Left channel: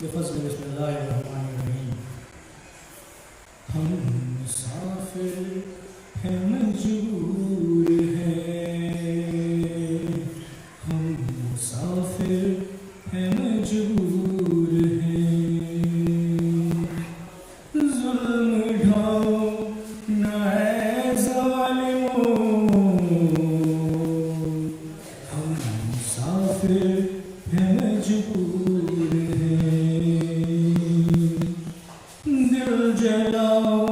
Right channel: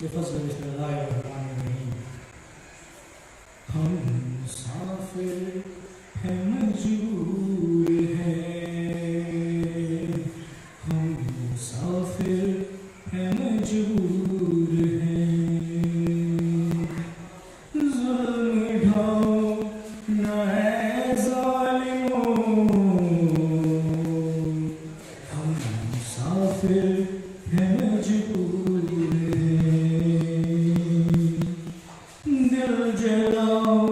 बेफज़्ल बिस्मिल्लाहिर्रहमानिर्रहीम। हम मुसाफिर हैं मजबूर हैं, हम मुसाफिर हैं मजबूर हैं। ज़ुल्म ढाओ न है ज़ालिमों, हम मुसाफिर हैं मजबूर हैं। दिल जलाओ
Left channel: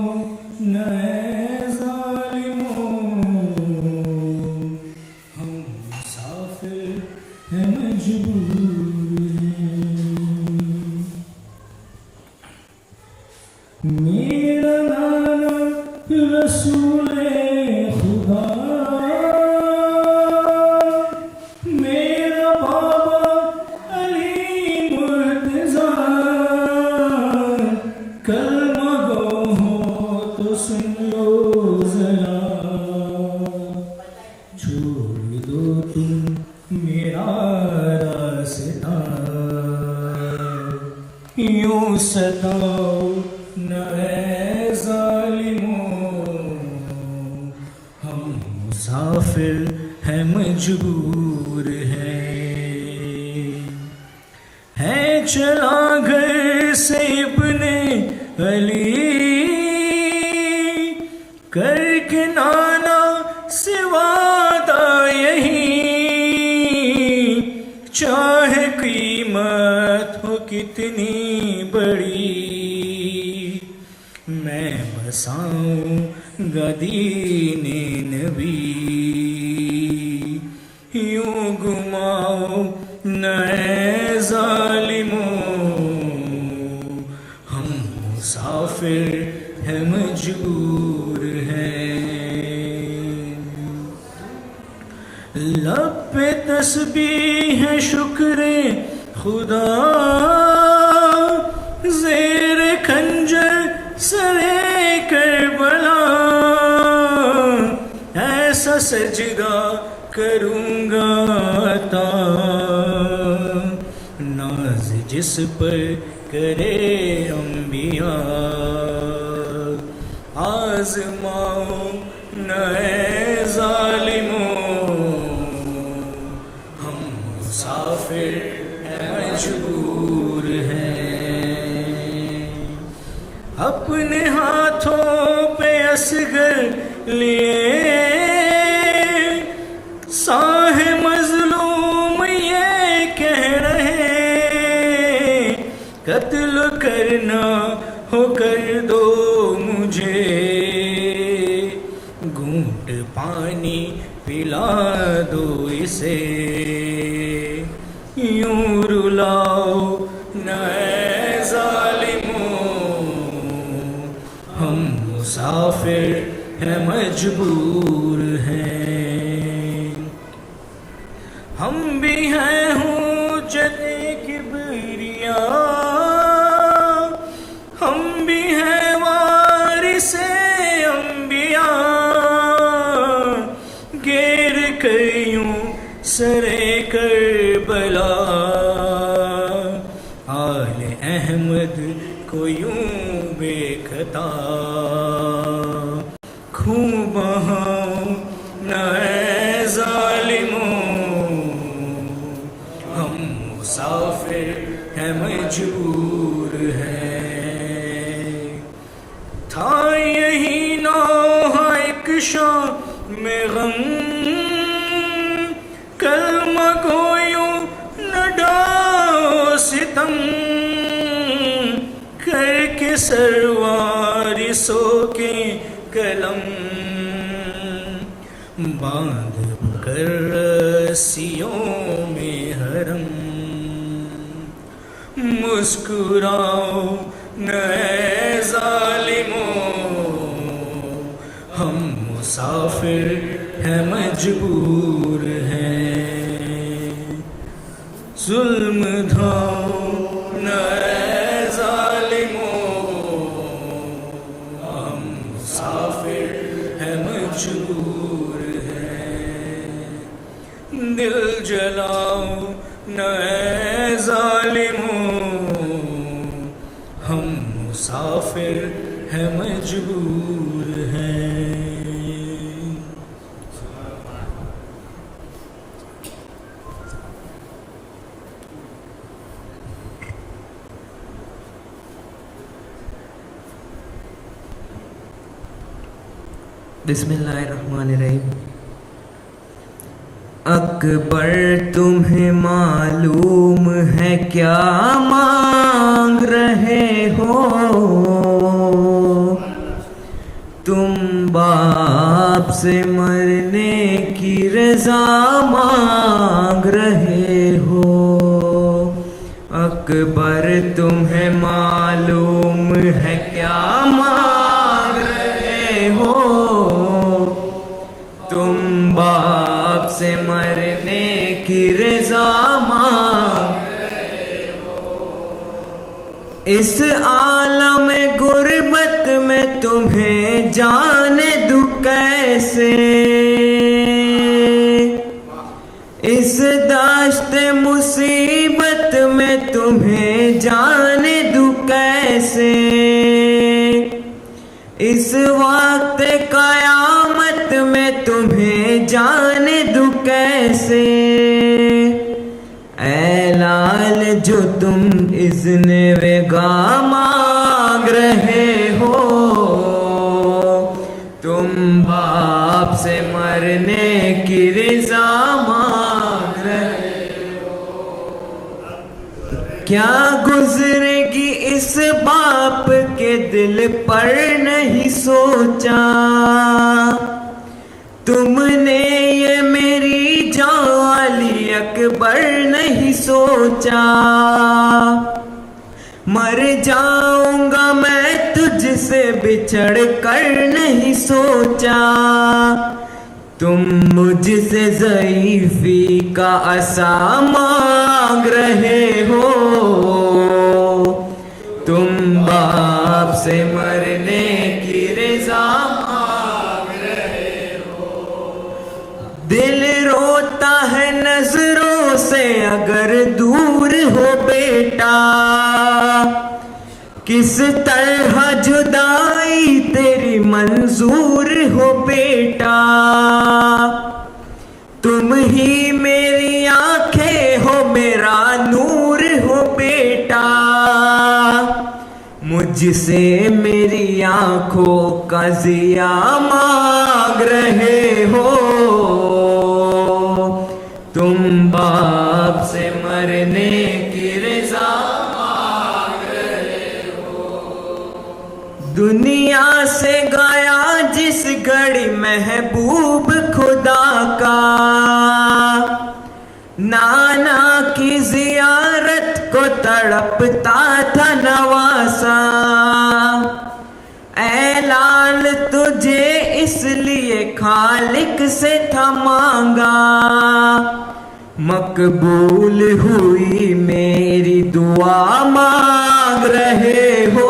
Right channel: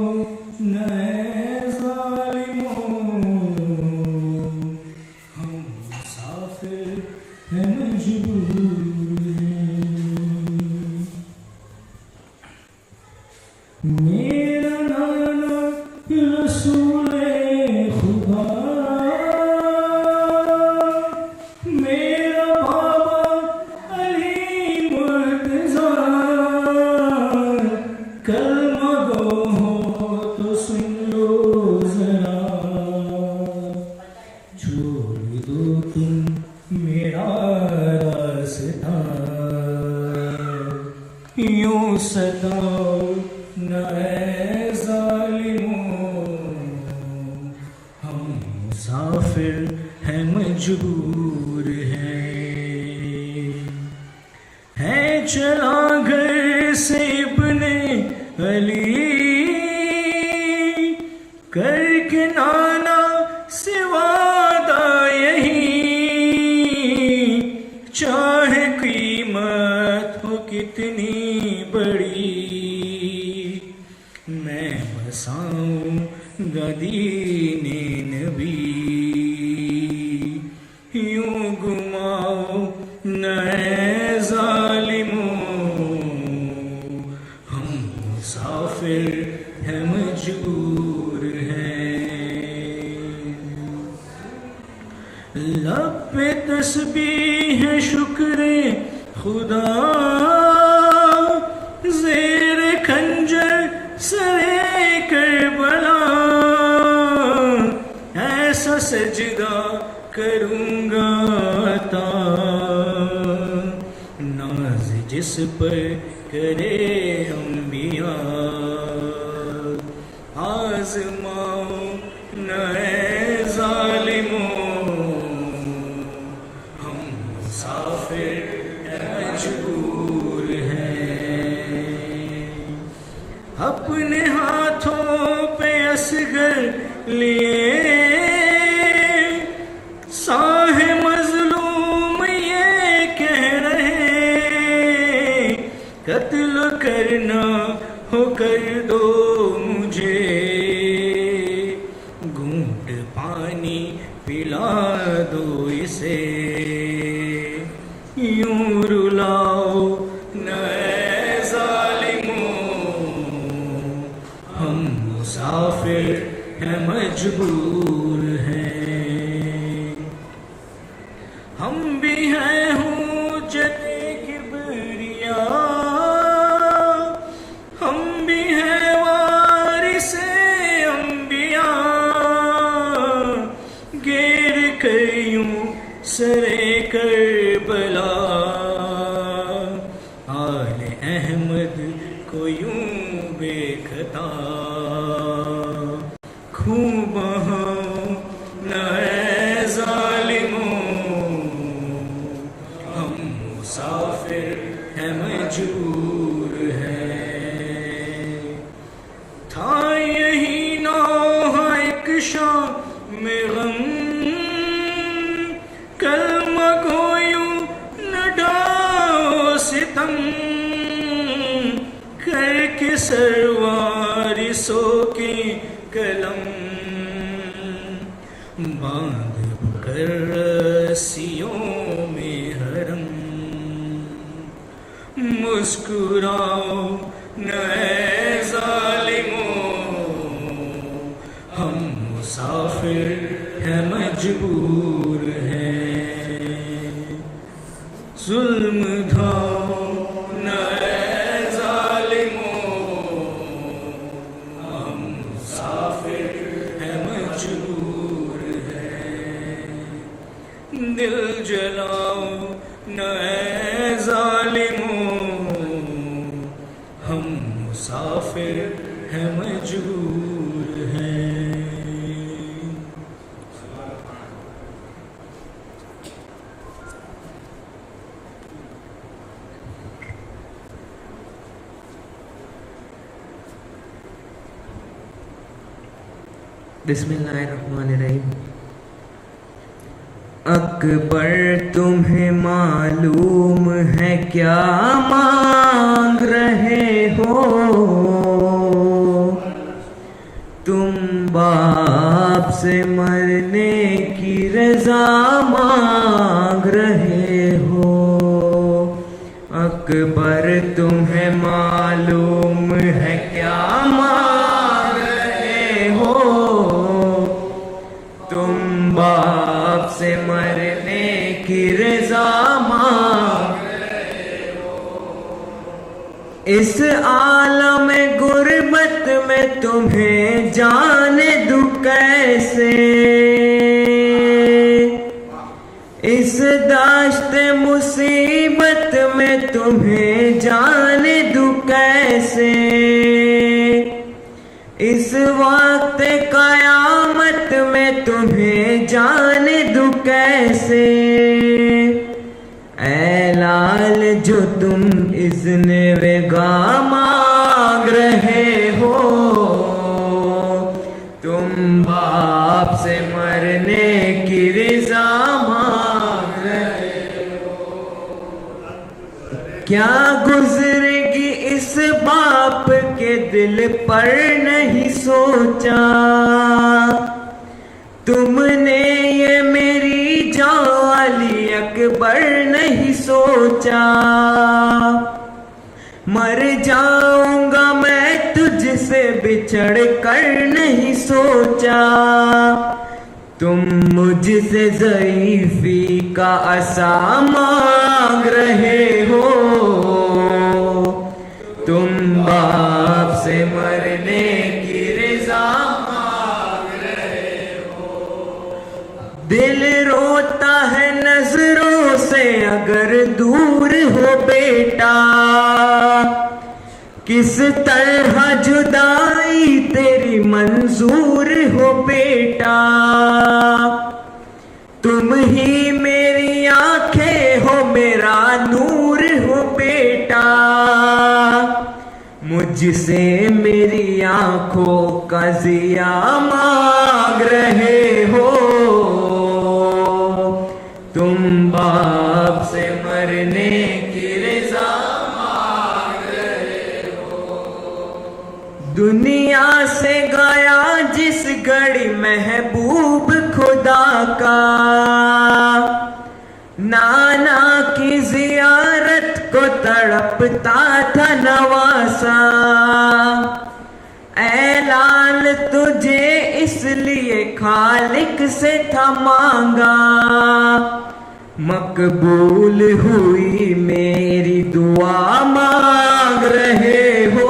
न है ज़ालिमों, हम मुसाफिर हैं मजबूर हैं। मेरा नाना रसूले खुदा, मेरा बाबा अली मुर्तज़ा, कलमा गो हो तो सुन लो ज़रा, छोड़ दो तुम मेरा रास्ता, यूं सताओ न है ज़ालिमों, हम मुसाफिर हैं मजबूर हैं। चला घर से इब्ने अली, करके नाना से वादा यही, चाहे कीमत हो कितनी बड़ी, मैं बसाऊंगा दीने नबी। यूं घुमाओ न है ज़ालिमों, हम मुसाफिर हैं मजबूर हैं। लब पे तस्बीह है शुक्रे खुदा, ज़ेर खंजर सरे करबला, ऐसा सजदा करूँगा अता, नाज जिस पर करे अंबिया। आज़माओ न है ज़ालिमों, हम मुसाफिर हैं मजबूर हैं। अपने हाथों पे असगर लिए, साहे मजलूम ये कह रहे, कत्ल करना हो कर दो मुझे, घूंट पानी पिला दो इसे। यूं रुलाओ न है ज़ालिमों, हम मुसाफिर हैं मजबूर हैं। हम भी हैं हुज्जते किबरिया, हम भी हैं वारिसे अंबिया, घेर कर यूं सरे करबला, आले अहमद को यूं बेखता, खून बहाओ न है ज़ालिमों, हम मुसाफिर हैं मजबूर हैं। था यही नौहा एक शाम में गम, कलमा को यूं न डालो सितम, करके सरवारिसों के कलम, बांध कर रस्सियों में हरम। मुस्कुराओ न है ज़ालिमों, हम मुसाफिर हैं मजबूर हैं। जुल्म ढाओ न है ज़ालिमों, हम मुसाफिर हैं मजबूर हैं। दिल जलाओ न है ज़ालिमों, मुसाफिर है मजबूर है। बिस्मिल्लाहिर्रहमानिर्रहीम। अकबर तुम्हें मालूम है क्या मांग रहे हो? तुम बाप से मरने की रजा मांग रहे हो। अकबर तुम्हें मालूम है क्या मांग रहे हो? तुम बाप से मरने की रजा मांग रहे हो। इस आलम गुर्बत में तुम्हें जाने दूं कैसे? इस दाश्त मुसीबत में तुम्हें जाने दूं कैसे? इस वक्त कयामत में तुम्हें जाने दूं कैसे? ऐ लाल जो तुम इज़्ने वेगा मांग रहे हो, तुम बाप से मरने की रज़ा मांग रहे हो। क्या गुजरेगी इस बाप के दिल पर नहीं सोचा? तुमने ये मेरी जाली अकबर नहीं सोचा। मर जाऊंगा मैं तुझसे बिछड़ कर नहीं सोचा। तुम मुझसे ज़ईफ़ी का असा मांग रहे हो। तुम बाप से मरने की रज़ा मांग रहे हो। दिल रोता है नजरों से अगर दूर हो बेटा। किस तरह जुदाई तेरी मंजूर हो बेटा। तुम ही मेरी आंखें हो मेरा नूर हो बेटा। मुझसे मेरी आंखों का जिया मांग रहे हो। तुम बाप से मरने की रज़ा मांग रहे हो। दुनिया से गया जिस घड़ी महबूब खुदा का। नाना की जियारत को तड़पता था नवासा। ऐ लाल तुझे इसलिए खालिक से था मांगा। मकबूल हुई मेरी दुआ मांग रहे हो।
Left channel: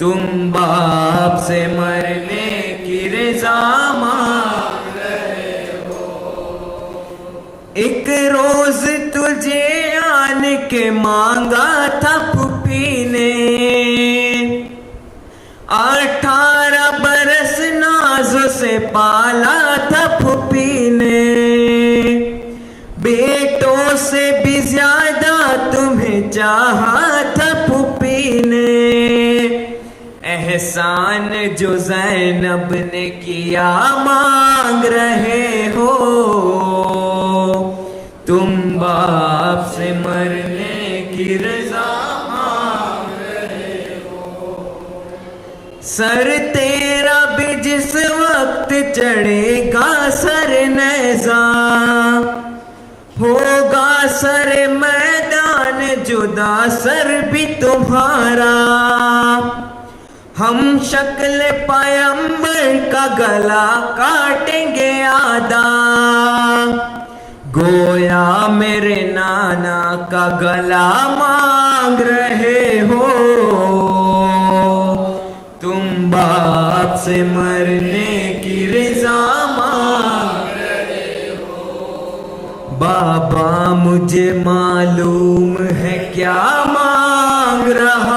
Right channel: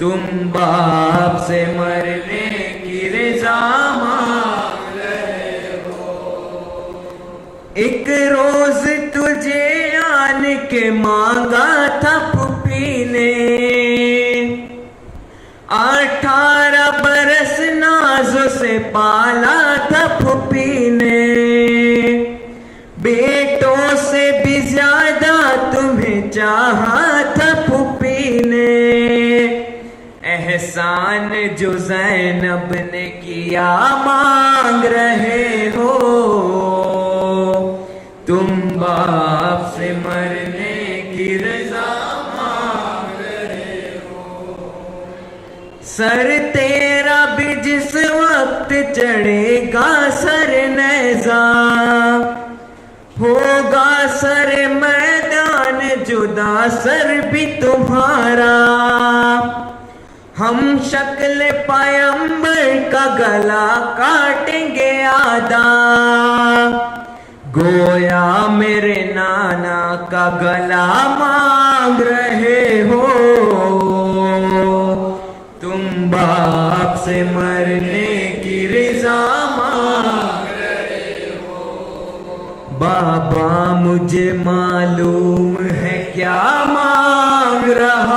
तुम बाप से मरने की रज़ा मांग रहे हो। एक रोज तुझे आन के मांगा था फूफी ने। 18 बरस नाज़ों से पाला था फूफी ने। बेटों से भी ज्यादा तुम्हें चाहा था फूफी ने। एहसान जो ज़ैनब ने किया मांग रहे हो। तुम बाप से मरने की रज़ा मांग रहे हो। सर तेरा भी जिस वक्त चढ़ेगा सर नेज़ा। होगा सर मैदान जुदा सर भी तुम्हारा। हम शक्ल पैगंबर का गला काटेंगे आधा। गोया मेरे नाना का गला मांग रहे हो। तुम बाप से मरने की रज़ा मांग रहे हो। बाबा मुझे मालूम है क्या मांग रहा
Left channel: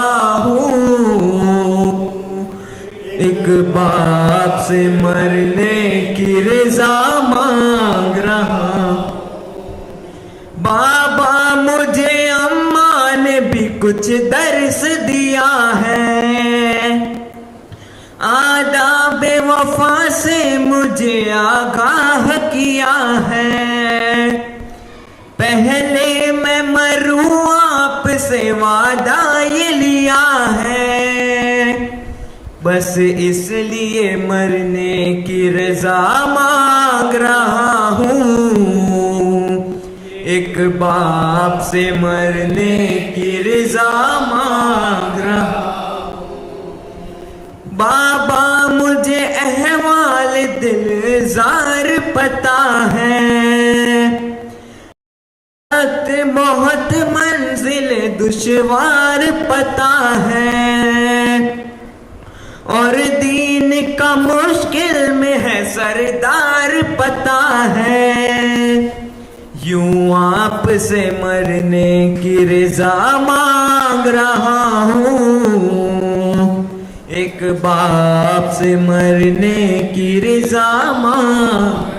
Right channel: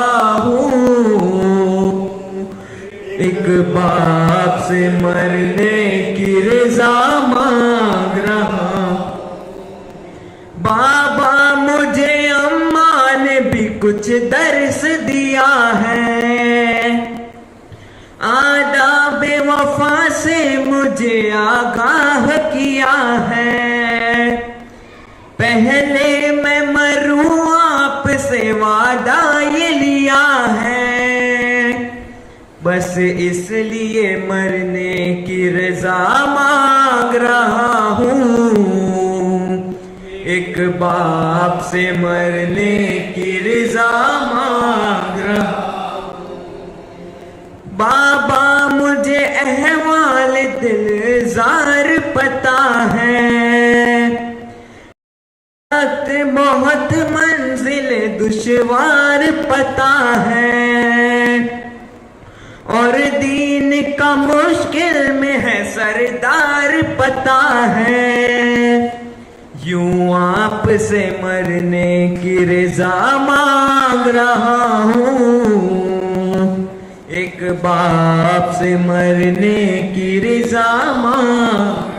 से मरने की रजा मांग रहा। बाबा मुझे अम्मा ने भी कुछ दर्स दिया है, आदाब वफा से मुझे आगाह किया है। पहले मैं मरूं आपसे वादा ये लिया है, बस इसलिए मरने की रजा मांग रहा हूँ। एक बाप से मरने की रजा मांग रहा। बाबा मुझे अहवाल दिलजार पता है, बहुत मंजिल दुश्वार पता है, और दीन का मुश्किल में है सरदार पता है। यूं आप से मरने की रजा मांग रहा हूँ, एक बाप से मरने की रजा मांग।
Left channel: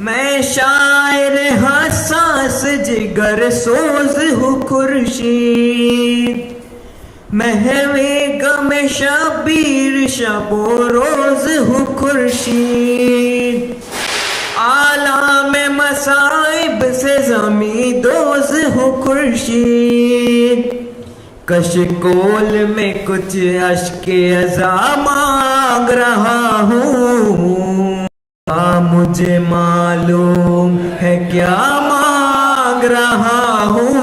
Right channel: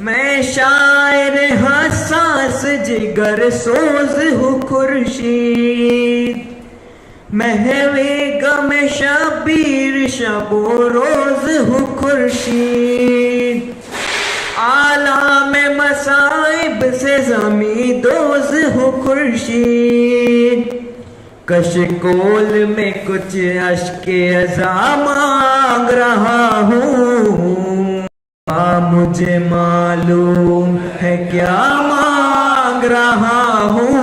मैं शायर हसास जिगर सोज हूँ खुर्शीद, महवे गम शबीर शबो रोज हूँ खुर्शीद। आला में मसाइब से जमी दोज हूँ खुर्शीद, कशकोल में कुछ अश्के अज़ा मांग रहा हूँ। मुझे मालूम है क्या मांग रहा हूँ,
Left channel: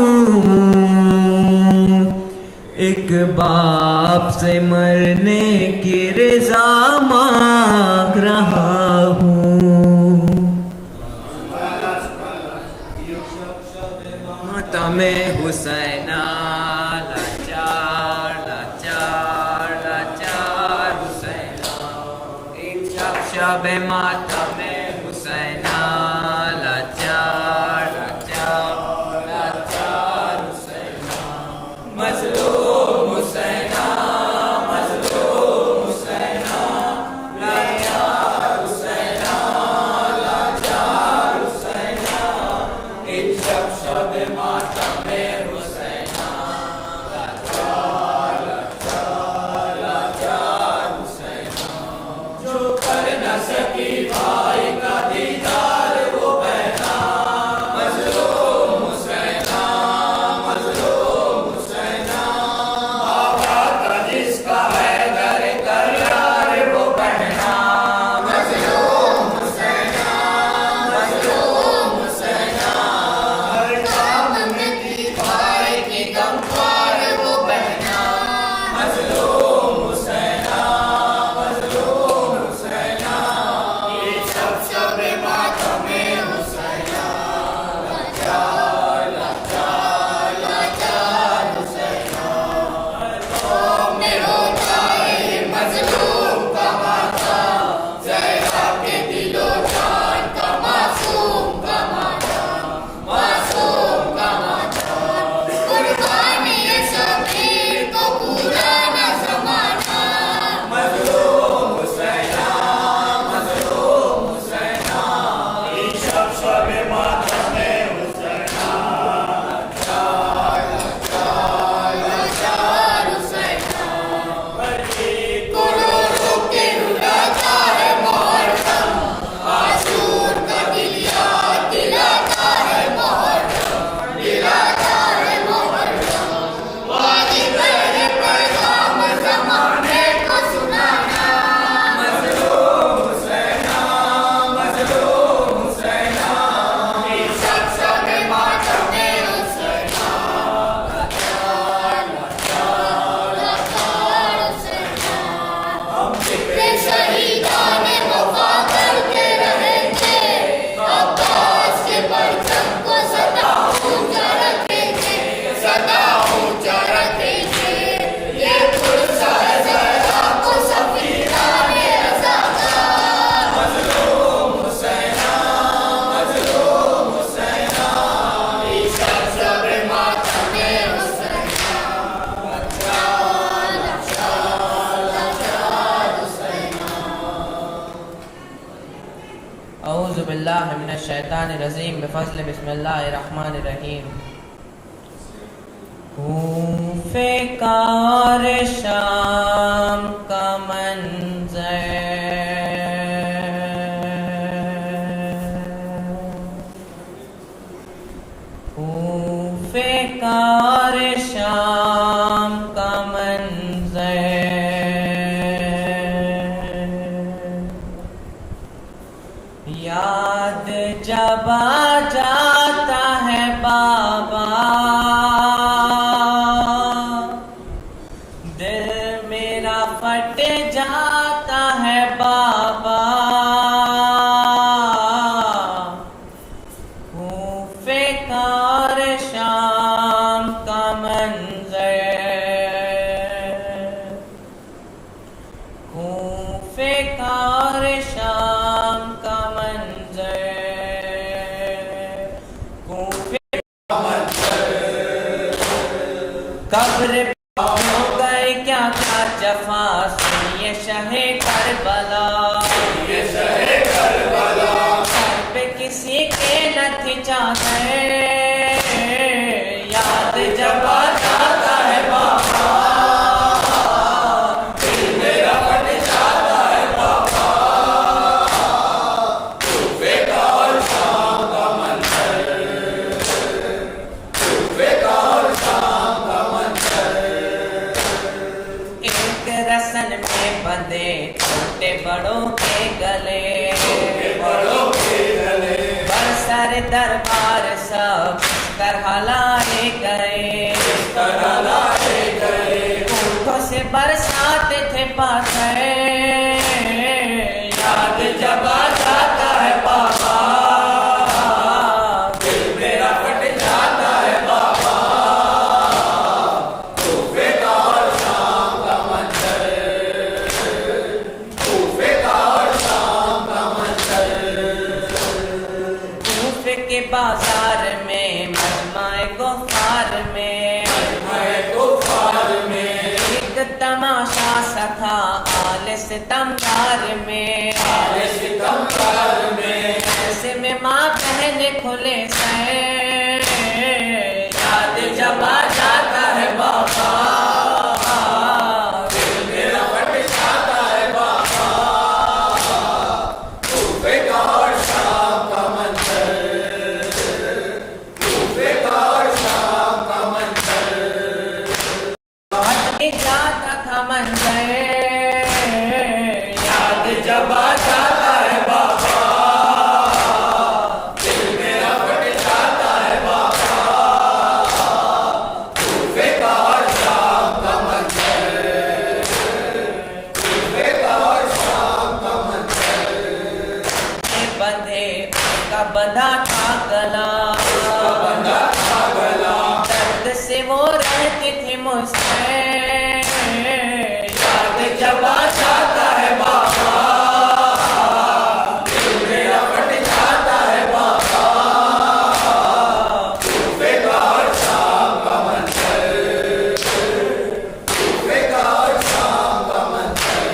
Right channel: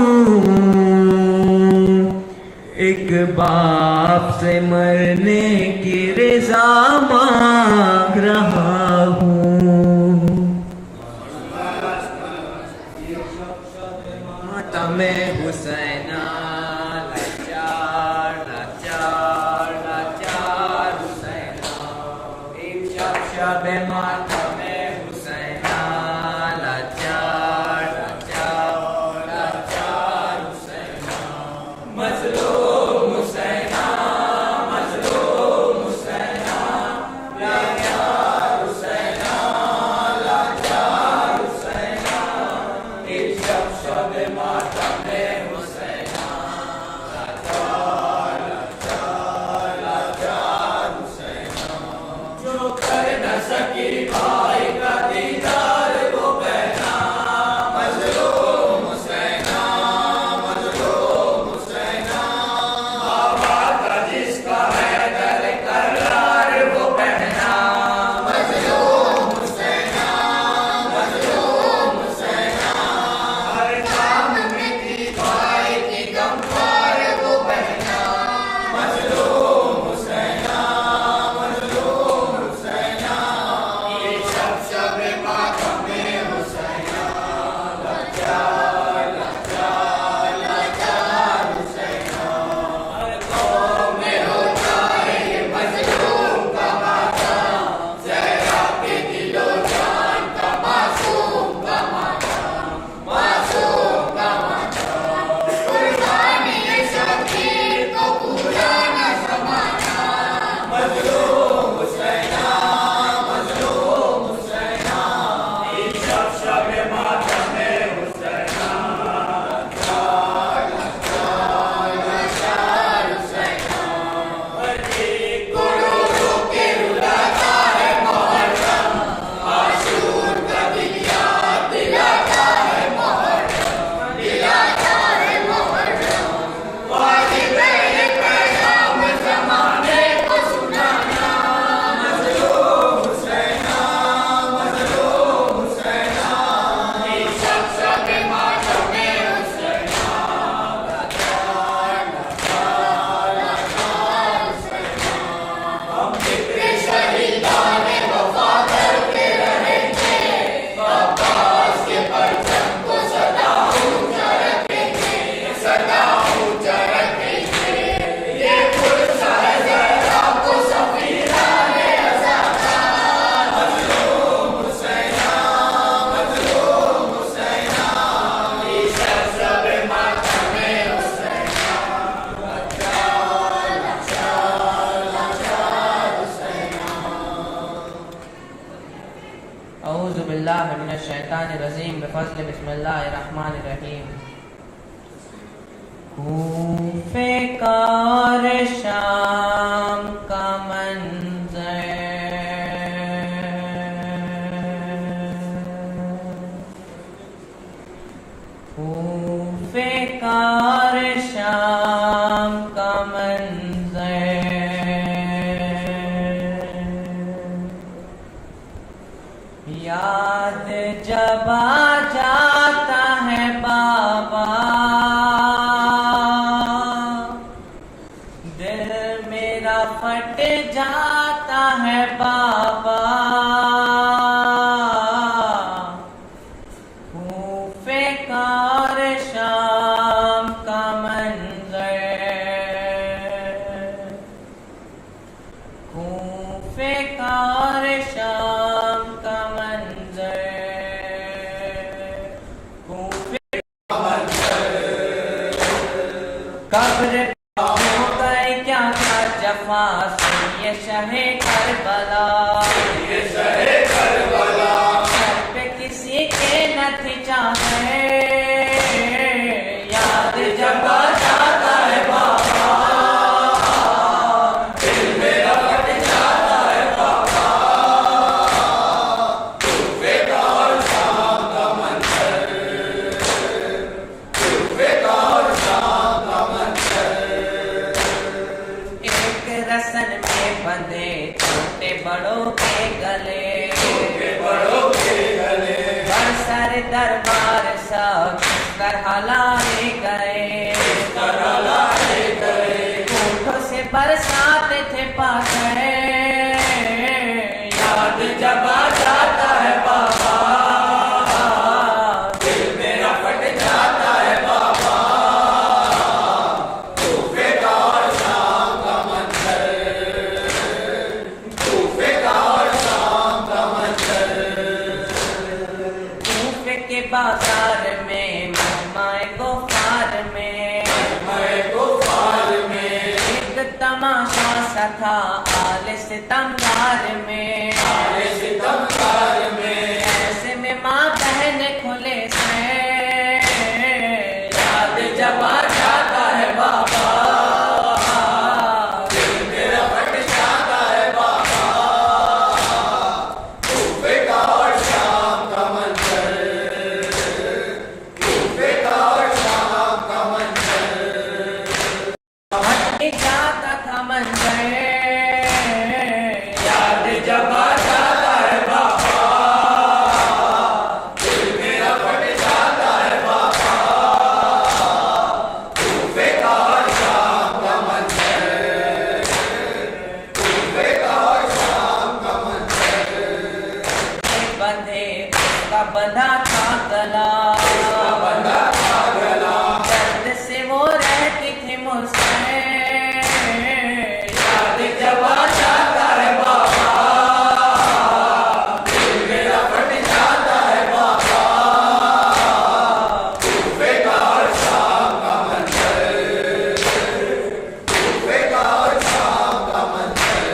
एक बाप से मरने की रजा मांग रहा हूँ। मातमे हुसैना लाचार लाचार लाचार हुसैना, एक शब मातमे हुसैना लाचार लाचार लाचार हुसैना। मज़लूम हुसैना मज़लूम हुसैना, लाचार हुसैना लाचार हुसैना, एक शब मातमे हुसैना लाचार लाचार लाचार हुसैना। जो कर न सकी भाई का दीदार वो बहना, मज़लूम हुसैना मज़लूम हुसैना। बाबा का जिसका है दर करार वो बहना, मज़लूम हुसैना मज़लूम हुसैना। हर काम में की भाई रजीम बिफज़्ल बिस्मिल्लाहिर्रहमानिर्रहीम। कूफे का और शाम का मंज़र, कूफे का और शाम का मंज़र, याद जब आ जाता है बाबा, दिल मेरा फट जाता है बाबा। कूफे का और शाम का मंज़र, कूफे का और शाम का मंज़र, कूफे कब्र हो गए क्या था जफा, सुनिए शहे करबला, सर पे किसी के न थी चाहे, याद जब आ जाता है बाबा, दिल मेरा फट जाता है बाबा। कूफे का और शाम का मंज़र, कूफे का और शाम का मंज़र, एक रसन में बंधे छोटे बड़ों के गले, बरसर दरबार सब तरह लाए गए, ऊँटों से बरसाते थे पाथर, याद जब आ जाता है बाबा, दिल मेरा फट जाता है बाबा। कूफे का और शाम का मंज़र, कूफे का और शाम का मंज़र, कूफे के बाजार में मजमाए गुफ़ार में, एक तमाशा सा था आले सितमगार में, ऐसे में माँ बहन खुले से, याद जब आ जाता है बाबा, दिल मेरा फट जाता है बाबा। कूफे का और शाम का मंज़र, कूफे का और शाम का मंज़र, हट जाता था मंज़र, याद जब आ जाता है बाबा, दिल मेरा फट जाता है बाबा। कूफे का और शाम का मंज़र, कूफे का और शाम का मंज़र, बंधे उसका बंधा था गला, दर्द से वो रहती थी मुझसे, याद जब आ जाता है बाबा, दिल मेरा फट जाता है बाबा। कूफे का और शाम का मंज़र, कूफे का और शाम का मंज़र,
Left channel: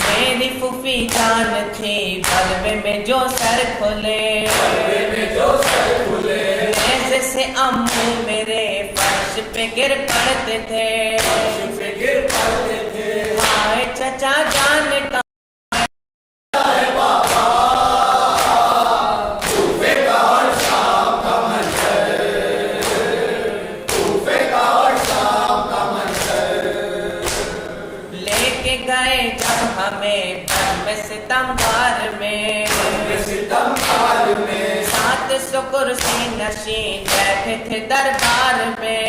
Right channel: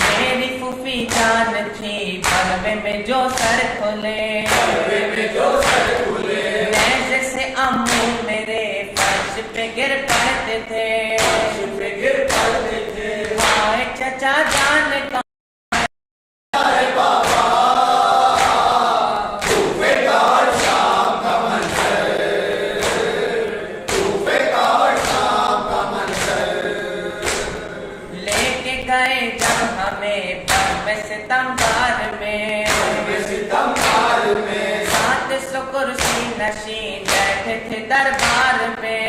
मेरी फूफी जान थी बलवे में जो सर खोले, से अम्मू मेरे फर्श पे गिर पड़ते थे, आए चचा जान का है बाबा। कूफे का और शाम का मंज़र, कूफे का और शाम का मंज़र, लेके गए जब हमें बम्बे सितमगार में, सात सौ कुर्सी नशीन बैठे थे दरबार में,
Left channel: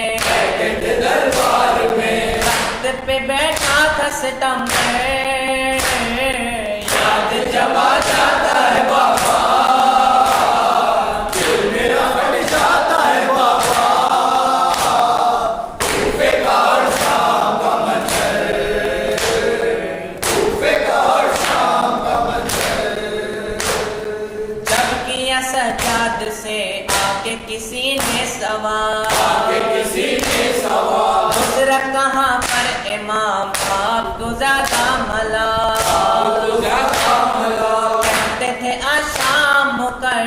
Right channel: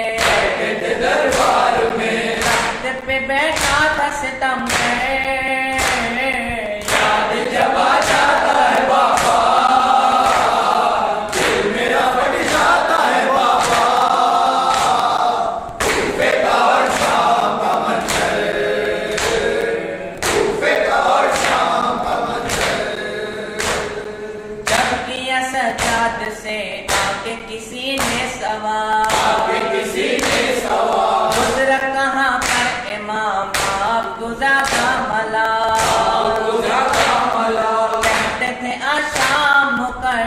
तख्त पे बैठा था सितम में, याद जब आ जाता है बाबा, दिल मेरा फट जाता है बाबा। कूफे का और शाम का मंज़र, कूफे का और शाम का मंज़र, जब किया सजाद से आके किसी ने सवाल, गुज़रा कहाँ पर इमाम आप गुज़ारा मला, कहते थे आशाम मुकर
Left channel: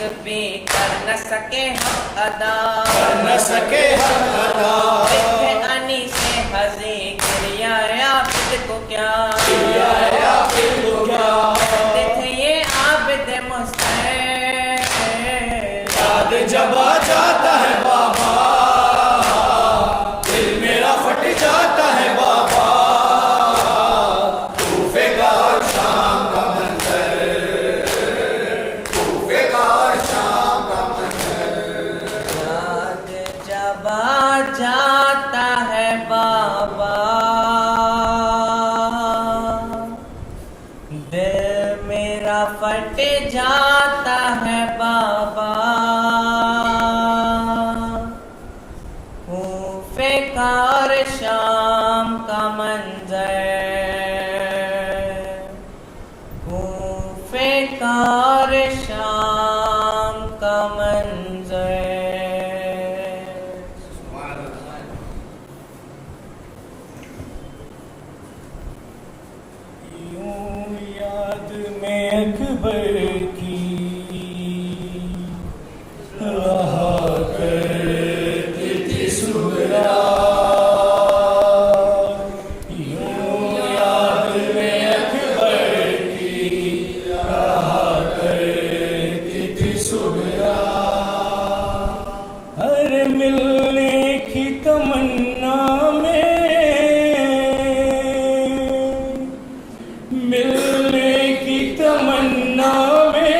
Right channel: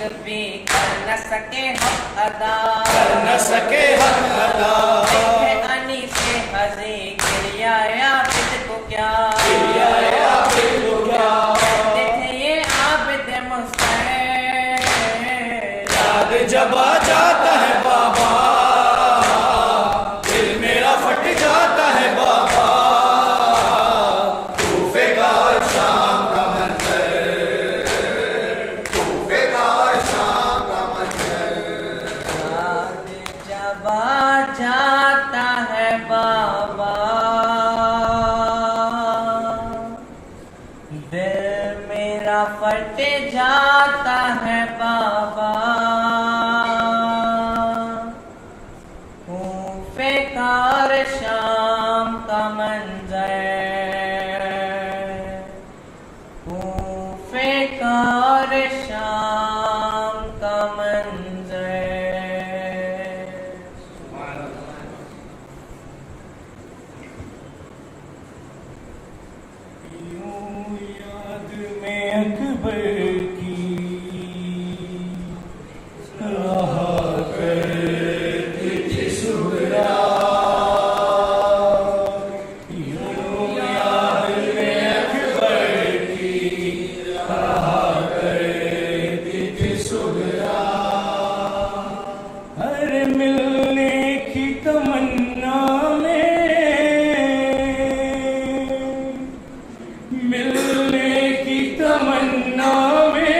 एक भी कर न सके हक अदा, न सके हक अदा। देखे अनी से हजी क्रिया आबिद को क्या, आबिद को क्या, देखे ये आबिद मुस्तैद, याद जब आ जाता है बाबा, दिल मेरा फट जाता है बाबा। कूफे का शाम का मंजर, कूफे का शाम का मंजर। याद जब आ जाता है बाबा, दिल मेरा फट जाता है बाबा। कूफे का और शाम का मंजर, कूफे का और शाम का मंजर। यूं याद में अकबर की रहा करती थी सुहरा, यूं याद में अकबर की रहा करती थी सुहरा। हर मिलने की तमन्ना में, मिलने की तमन्ना में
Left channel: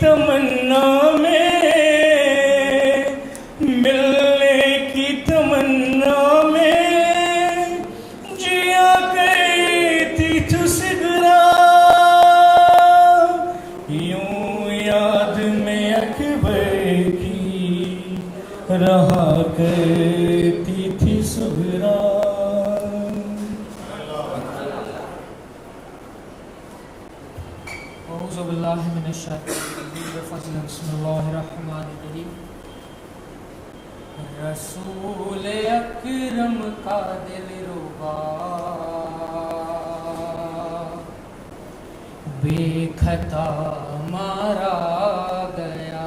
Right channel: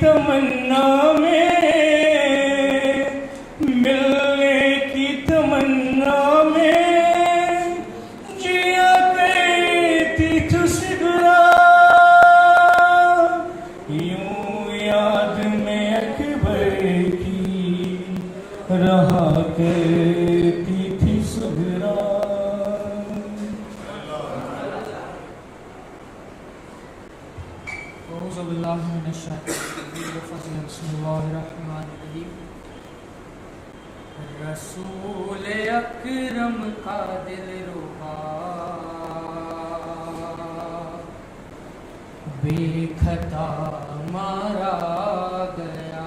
तमन्ना में, मिलने की तमन्ना में जिया करती तुझसे यूं याद में अकबर की रहा करती थी सुगरा। रसूल अकरम का दिल रुबा बेखता मारा गया।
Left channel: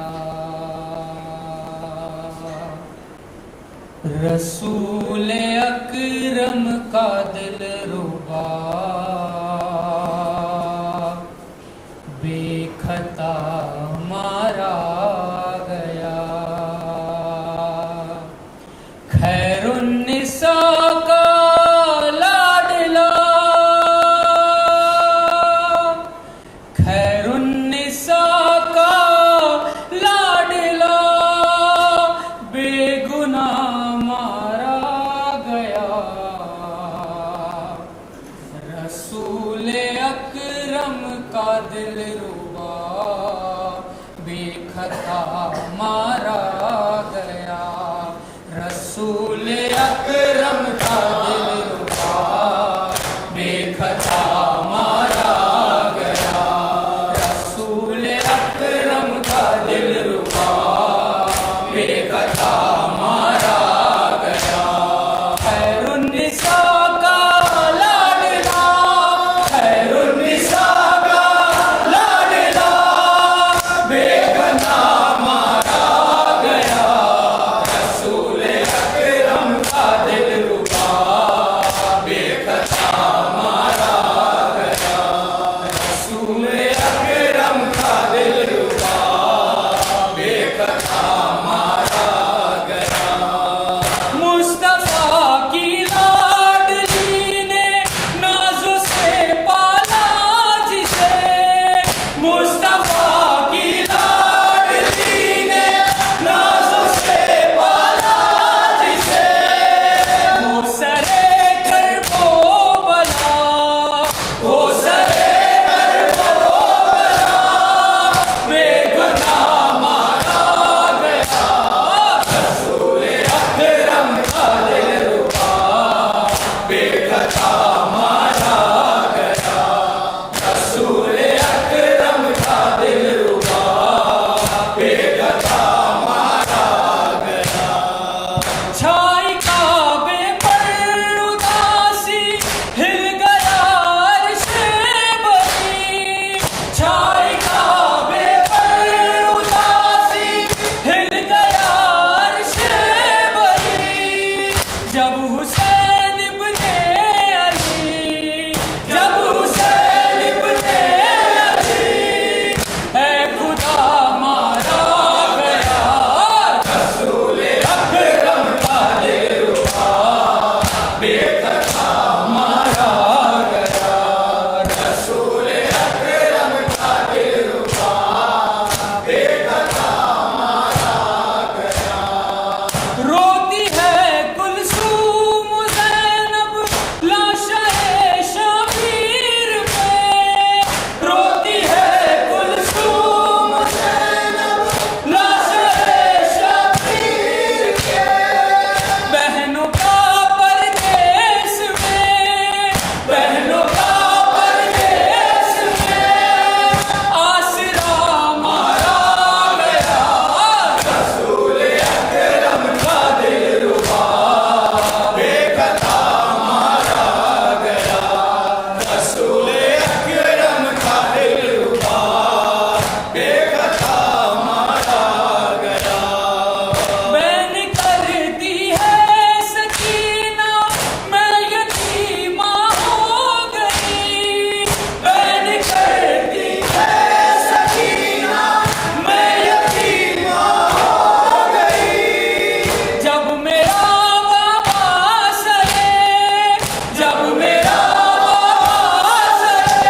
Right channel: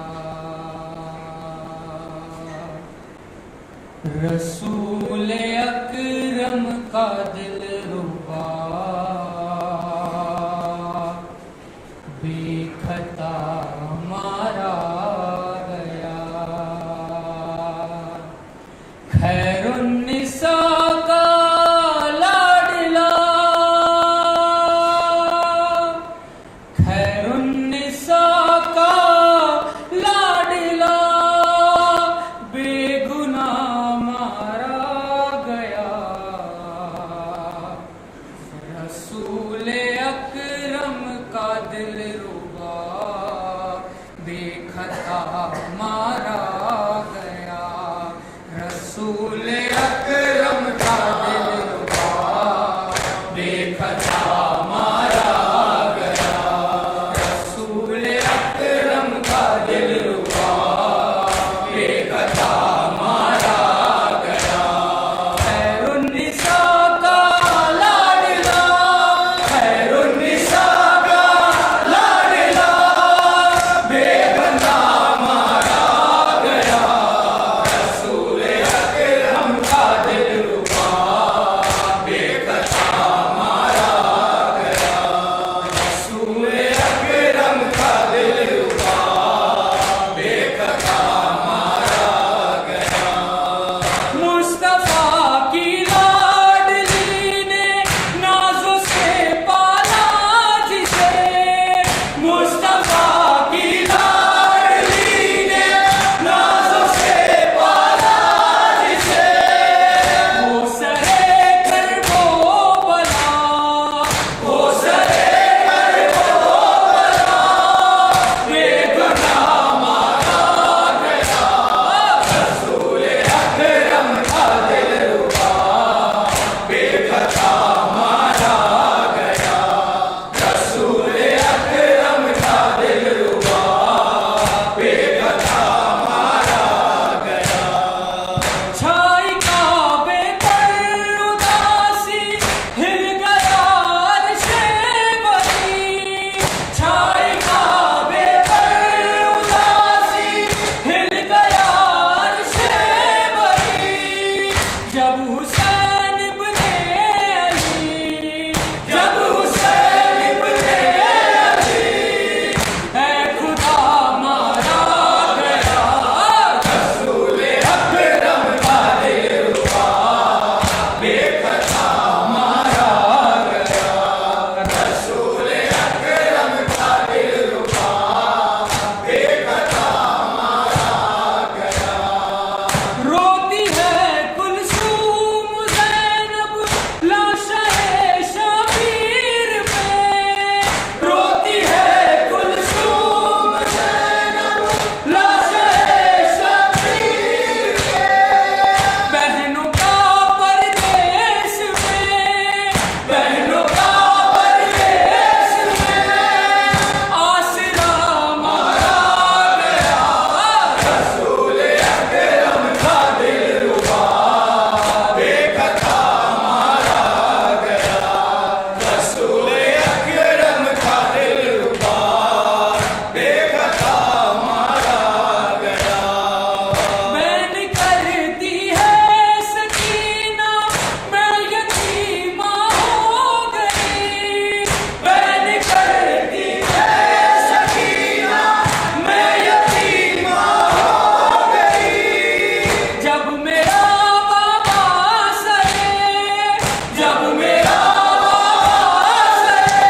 रसूल अकरम का दिल रुबा बेखता मारा गया। खैरुन्निसा का लाडला, खैरुन्निसा का लाडला बेगुनाह मारा गया। रसूल अकरम का दिल रुबा बेखता मारा गया। रसूल अकरम का दिल रुबा बेखता मारा गया। रसूल अकरम का दिल रुबा बेखता मारा गया। खैरुन्निसा का लाडला, खैरुन्निसा का लाडला बेगुनाह मारा गया। रसूल अकरम का दिल रुबा बेखता मारा गया। रसूल अकरम का दिल रुबा बेखता मारा गया। मुस्तफा की लाडली ने नाज़ों से पाला जिसे, मुस्तफा की लाडली ने नाज़ों से पाला जिसे। वो सरे कर वो बला, वो सरे कर वो बला बेगुनाह मारा गया। रसूल अकरम का दिल रुबा बेखता मारा गया। रसूल अकरम का दिल रुबा बेखता मारा गया। छाई काबे पर उदासी हिल गया अर्शे बरी। छाई काबे पर उदासी हिल गया अर्शे बरी। जब हुसैन इब्ने अली, जब हुसैन इब्ने अली ऐ खुदा मारा गया। रसूल अकरम का दिल रुबा बेखता मारा गया। रसूल अकरम का दिल रुबा बेखता मारा गया। रोती है कुलसूम ज़ैनब लाशे शबीर में। रोती है कुलसूम ज़ैनब लाशे शबीर में। बहनों का परदेस में, बहनों का परदेस में आसरा मारा गया। रसूल अकरम का दिल रुबा बेखता मारा गया। रसूल अकरम का दिल रुबा बेखता मारा गया। बैन करती है सकीना मैं यतीमा हो गई। बैन करती है सकीना मैं यतीमा हो गई। जब मेरा बाबा सरे, जब मेरा बाबा सरे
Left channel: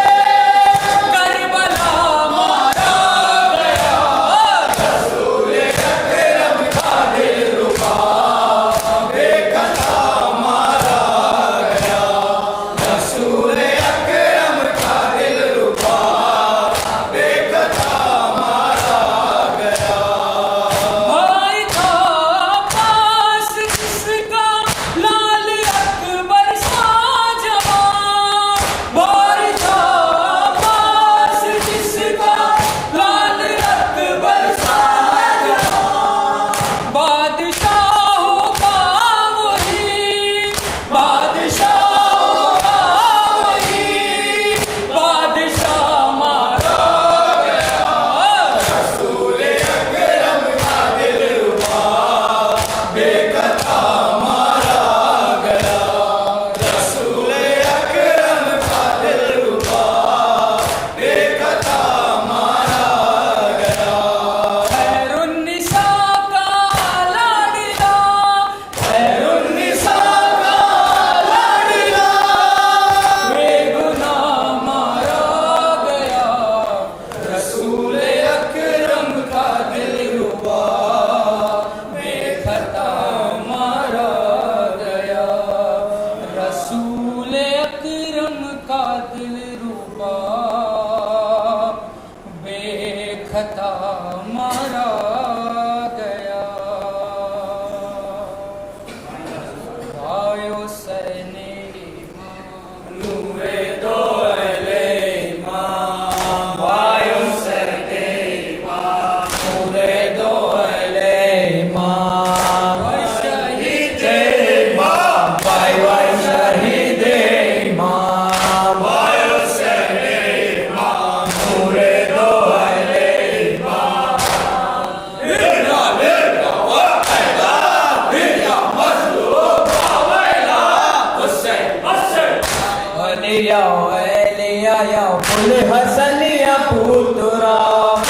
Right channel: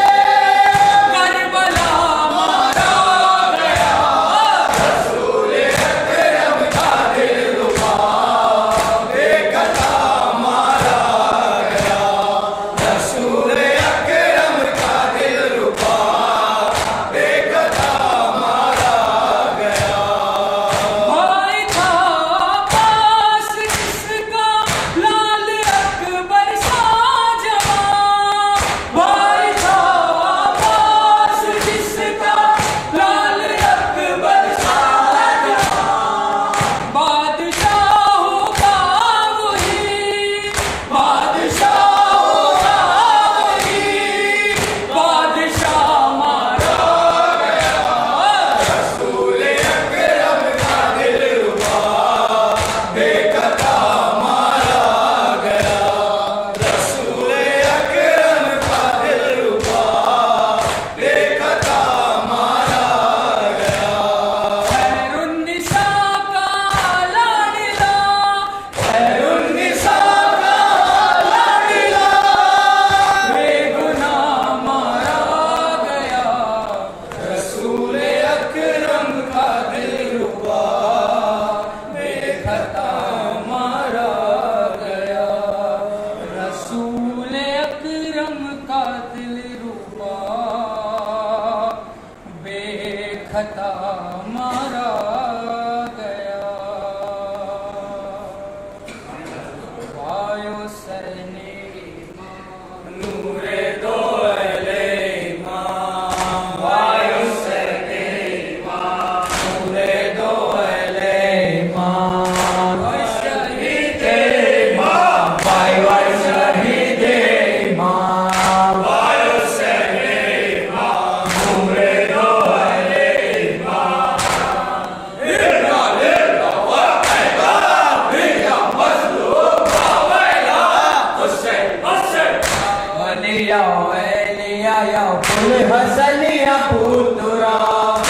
करबला मारा गया। खता मारा गया। वायो सरने नूरे दो अले इमाम, वायो सरने इमाम, नूरे दो अले इमाम, शहीद इमाम, वायो शहीद इमाम, वायो सरने इमाम, नूरे दो अले इमाम। लिल्ला लिल्ला वैला बिया मज़लूम वैला हुसैन हुसैन। वलिया वलिया या पुल हसनिया पुतरा,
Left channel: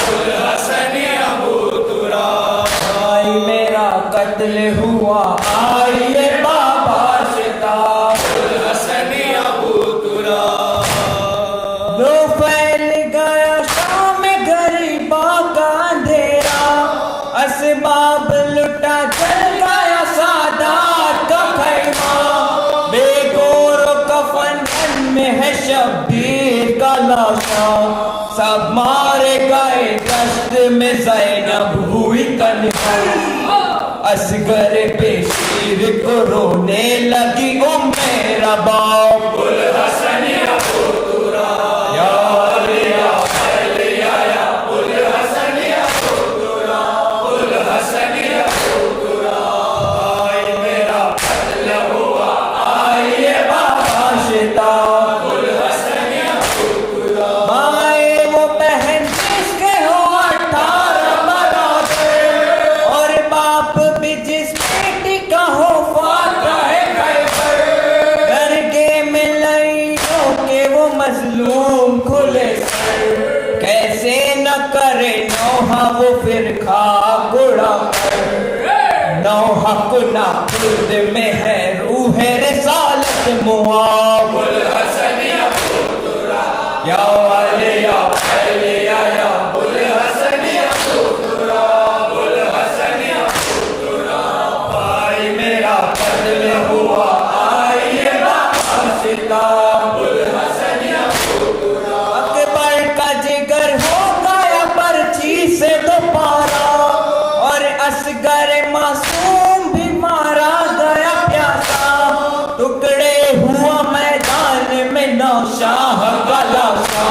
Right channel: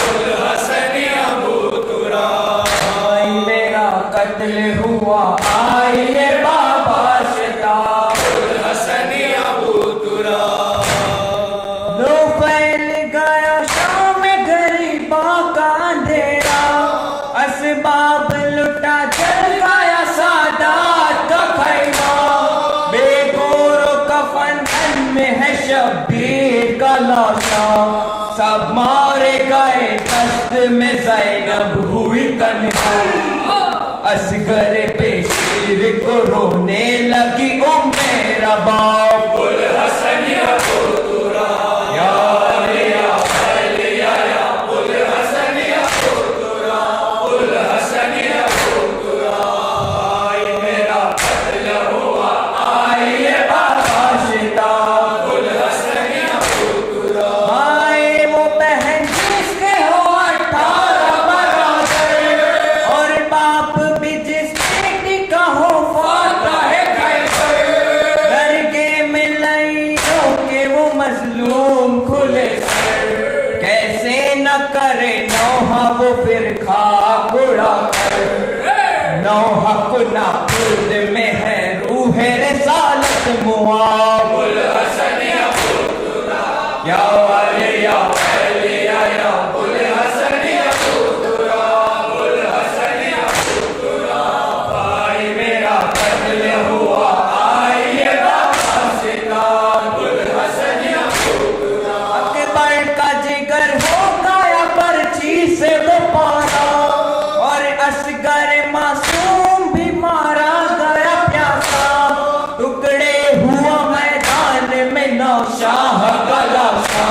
कुल हसनिया बूतुरा, आई मेरा कत्ल हुआ आई ये बाबा शिता। कुल हसनिया बूतुरा, लो फैल गया शाम गरीबा का अंधेरा, असबाब लुटा चल गया सादात का खैमा। बेगोर कफन में है शब्बीर का लाशा, सब मारे गए दस्त में ज़ैनब हुई तन्हाई। असगर बेशीर को रोने लगी ओ मेरा बाप। कुल हसनिया बूतुरा, या अलिया अलिया या कुल हसनिया बूतुरा, कुल हसनिया बूतुरा, आई मेरा कत्ल हुआ आई ये बाबा शिता। कुल हसनिया बूतुरा, आए वो बहन जिसके हो 18 बराबर, और बाप भी जिस बेटी का हो फाता है खैबर। दरगे में लइयों के वो मजलूम खुले सर, कैसे न करे नौहा वो फिर खा गुड़ा कर। नौहा कुना खुद में है रूह रिसालत मुआब। कुल हसनिया बूतुरा, या अलिया अलिया या कुल हसनिया बूतुरा, कुल हसनिया बूतुरा, आई मेरा कत्ल हुआ आई ये बाबा शिता। कुल हसनिया बूतुरा, अकबर का जिगर हो गया पर्ची से तो पारा, और असगर मासूम भी मारा गया प्यासा। टुकड़े हुआ मैदान में नौशाह का लाशा,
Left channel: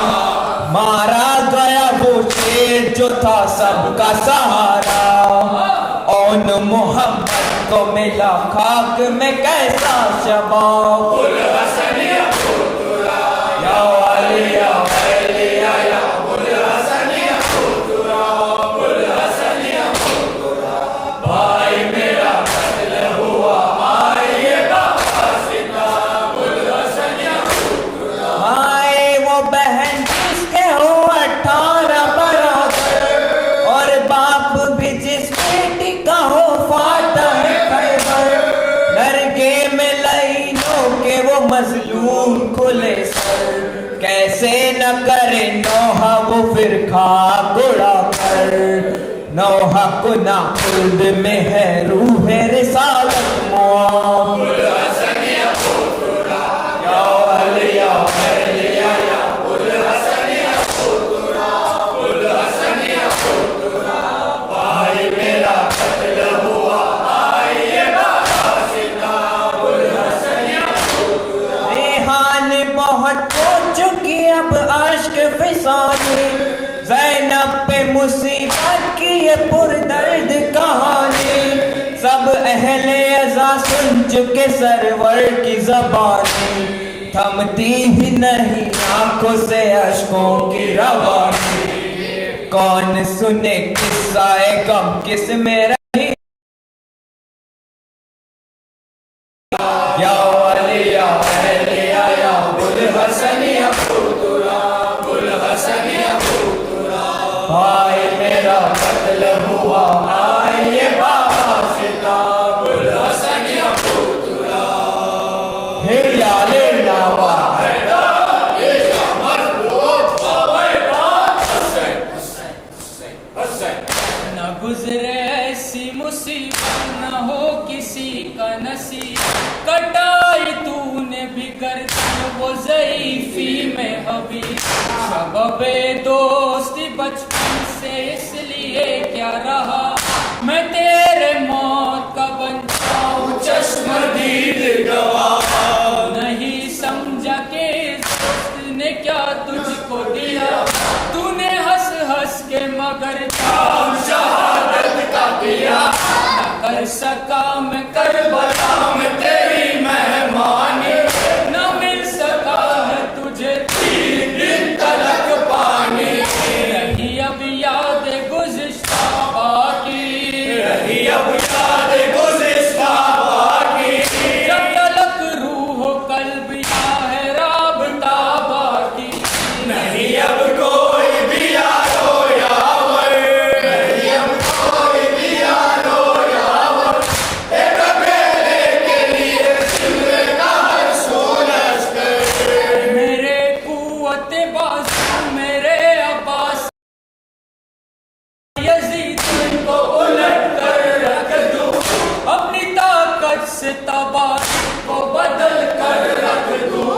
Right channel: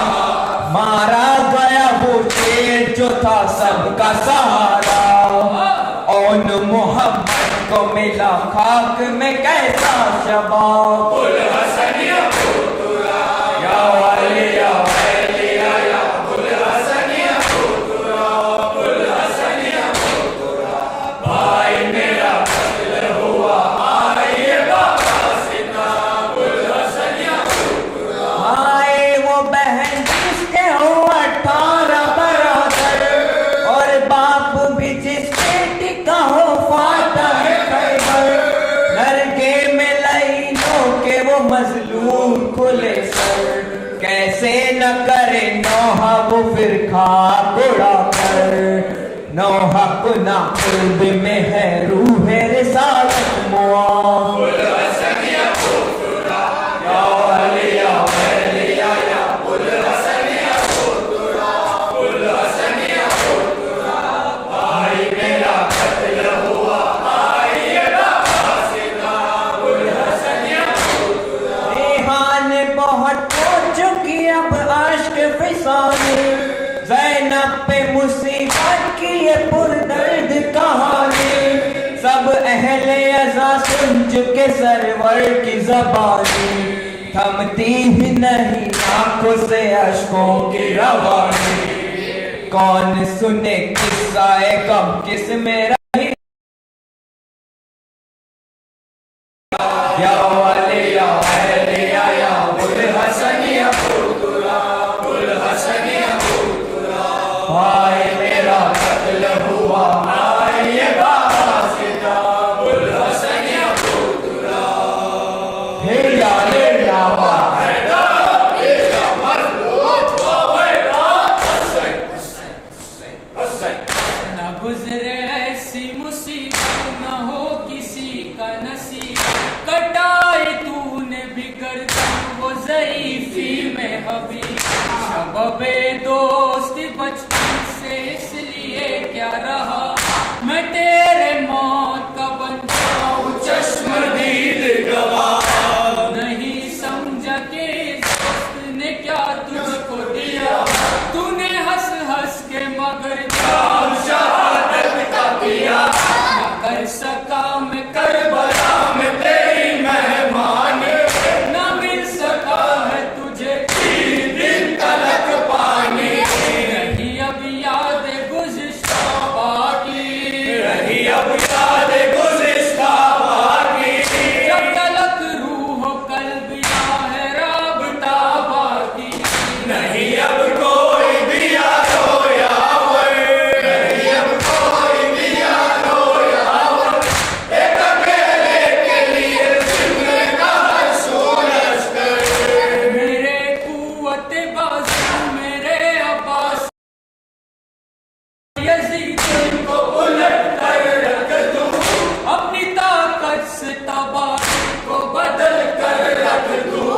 मारा गया वो शेर जो था सबका सहारा। औन मोहम्मद को मिला खाक में कैसा शबाब। कुल हसनिया बूतुरा, या अलिया अलिया या कुल हसनिया बूतुरा, कुल हसनिया बूतुरा, भाई मेरा कत्ल हुआ आई ये बाबा सिता। कुल हसनिया बूतुरा, आए वो बहन जिसके हो 18 बराबर, और बाप भी जिस बेटी का हो फाता है खैबर। दरगे में लइयों के वो मजलूम खुले सर, कैसे न करे नौहा वो फिर खा गुड़ा कर। नौहा कुना खुद में है रूह रिसालत मुआब। कुल हसनिया बूतुरा, या अलिया अलिया या कुल हसनिया बूतुरा, कुल हसनिया बूतुरा, भाई मेरा कत्ल हुआ आई ये बाबा सिता। कुल हसनिया बूतुरा, रेहान बहुत हो चुकी अब आश्क फिसानी, ज़ैनब पे मुसीबत की ये पुरदर्द कहानी। सब अहले अज़ा सुन चुके सरवर की ज़बानी, थमती ही नहीं आंखों से अश्कों की रवानी। कौन सुने किस्सा गम किस में रही। या अलिया अलिया या कुल हसनिया बूतुरा, कुल हसनिया बूतुरा, भाई मेरा कत्ल हुआ आई ये बाबा सिता। कुल हसनिया बूतुरा, हिला ले लावा न गुजरे ऐसी मुसीबत न हो किसी का नसीब। कटाई तूने भी कर दी वो ज़ईफ़ी में हबीब। शबबे दोस्ती बचपन से मगर जाम शहादत का पिया, न कर सका मैं करबला में तेरी मेहमानी, न मिल सका है तुझे 3 दिन तलक पानी। रही अब याद गुज़िश्ता बाकी, रही अब याद गुज़िश्ता बाकी, जब तलक रूह कल्ब या है राबता बाकी। नहीं अब कोई भी यारो यावर, नहीं अब कोई भी यारो यावर, एक अकेले के लिए सिमरे का हर सूरज। मेरे कुव्वत बाज़ू मेरे अब्बास यज़ीद को उलट कर रख दूं, अपनी ताकत से तबाह को बदल कर रख दूं।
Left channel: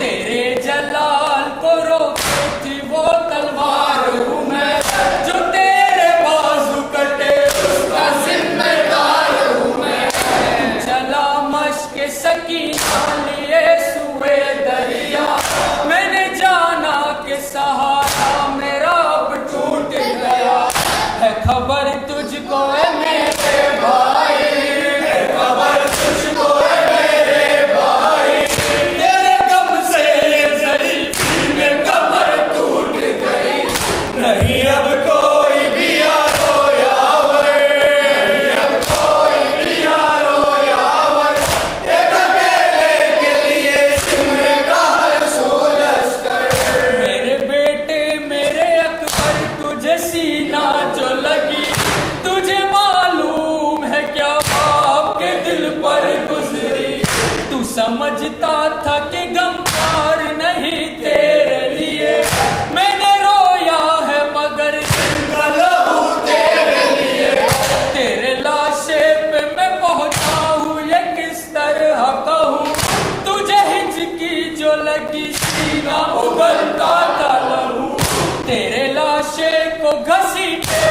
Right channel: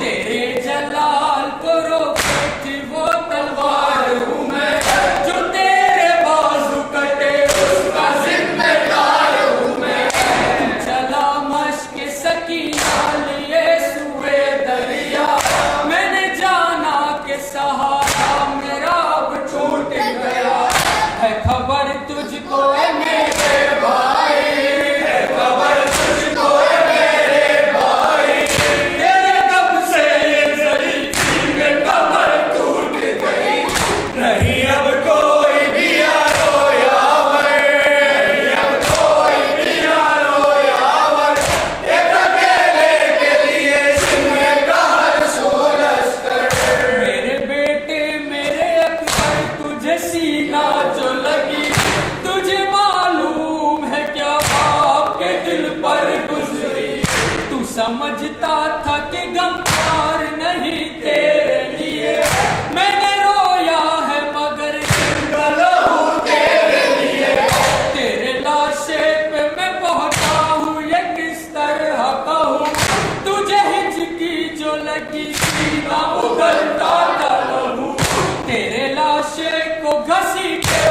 तेरे जलाल को रोके थी वो तलवार हूँ मैं, जो तेरे बाजू कटे उसका जिम्मेदार हूँ मैं। चला मश्क सकीना लिए सुए दरिया, मैंने जाना कि सहारा मेरा अब टूट गया। है खबर तुझको है मेरे भाई, है खबर तुझको है मेरे भाई, तेरे कब से ये ज़रीफ़ी में कमर टूट गई। नहीं अब कोई भी यारो यावर, नहीं अब कोई भी यारो यावर, एक अकेले के लिए सिमरे का हर सूरज। मेरे बेटे मेरे अकबर तुझे सीना जो लगी, तुझे मालूम है क्या बाप के दिल पर गुजरी। तू समझता था कि गमखार नहीं तेरे लिए, मैंने रोया है मगर जिंदा लहू तेरे लिए। तेरे लाशे पे मैं पहुंचा हूँ ये किस तरह कहूँ, तुझे हिचकी जो लगी सीना उगलता था लहू। तेरे लाशे को घसीटे